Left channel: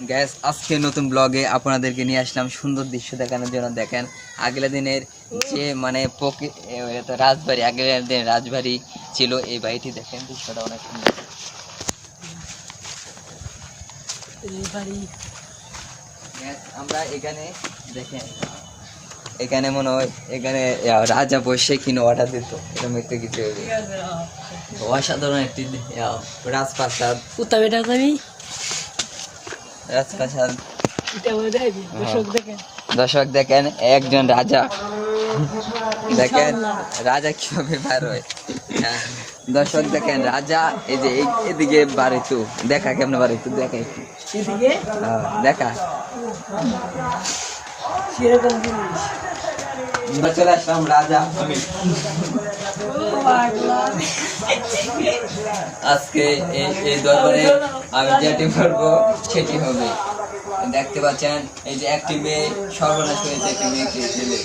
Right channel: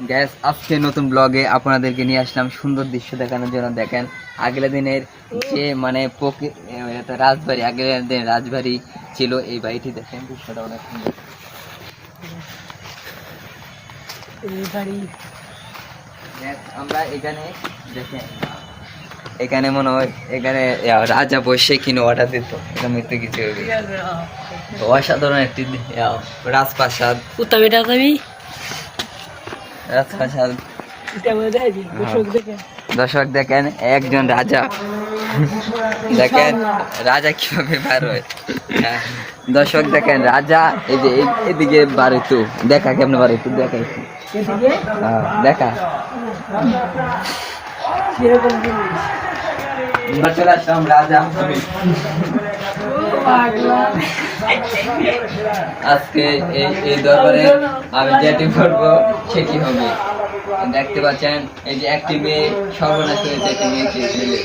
Gas আজকে নতুন ব্লগে আপনাদেরকে নিয়ে আসলাম সুন্দর দৃশ্য দেখানোর জন্য। দেখেন আগের দিনের যে মানে রাজবাড়ি, আগের দিনের রাজবাড়ি ছিল এই বাড়িটি। দেখেন দৃশ্যটা অনেক সুন্দর। আমরা এখানে দেখেন এখানে মনে হয় এখানে রাজা বসে কিনে অর্ডার দিত, মৃত্যু কিছু অসাধারণ একটি রাজপ্রাসাদ। রাজপ্রাসাদ দর্শক দেখেন একজন রাজা, দেখেন রাজা কিভাবে বার হয়। দর্শক দেখেন রাজা এই যে এদিকে বাড়িতো দেখা কেমন বাড়িতো দেখা দেখা চলে আসলাম রাজা। আজকে এই দরবারে আমি যেটি করবো সেটি হবে। দেখতে পাচ্ছেন এই যে একটি মেয়ে সর্বনাশ হয়েছে, একটি মেয়েকে ছেলে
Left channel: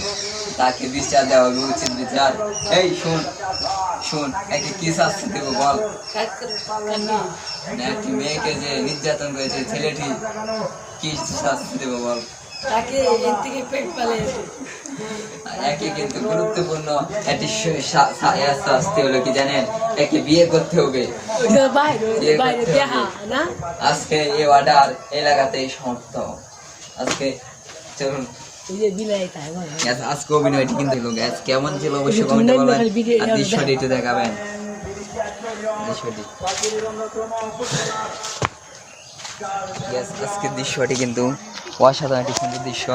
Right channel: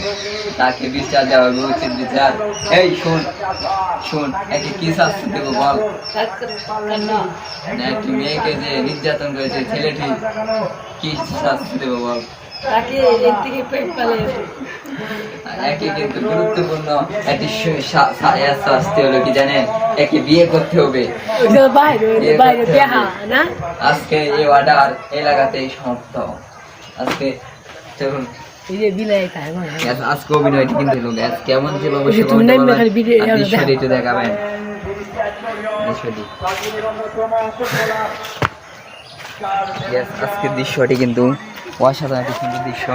তাকে বিচার দেওয়া হবে, উচিত বিচার। এই শোন একে কি শাস্তি দেবো বল? একটি মেয়েকে যে নির্যাতন করেছে ছেলেটি, কি শাস্তি দেবো বল? একে কিন্তু গুরুত্বপূর্ণ একটি শাস্তি হলো কি জানেন? একে বিয়ে করতে হবে। আজকে এই অর্ডার এলাকাতেই সমাপ্ত। আজকে চলুন আজকে অভিনয়টি কিন্তু কেমন ছিল অবশ্যই দৃশ্যটি একটু দেখাবেন। আজকে দৃশ্যটি কিন্তু অসাধারণ একটি সুন্দর দৃশ্য।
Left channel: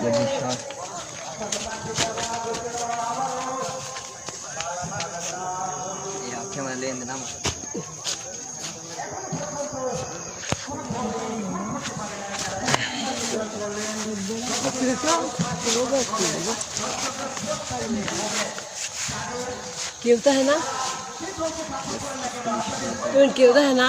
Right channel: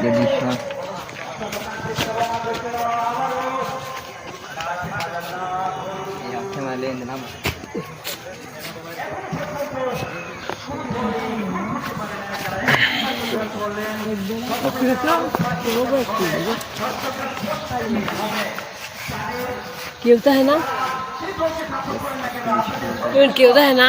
যে দৃশ্য क्यों होता है ना, क्यों होता है ना।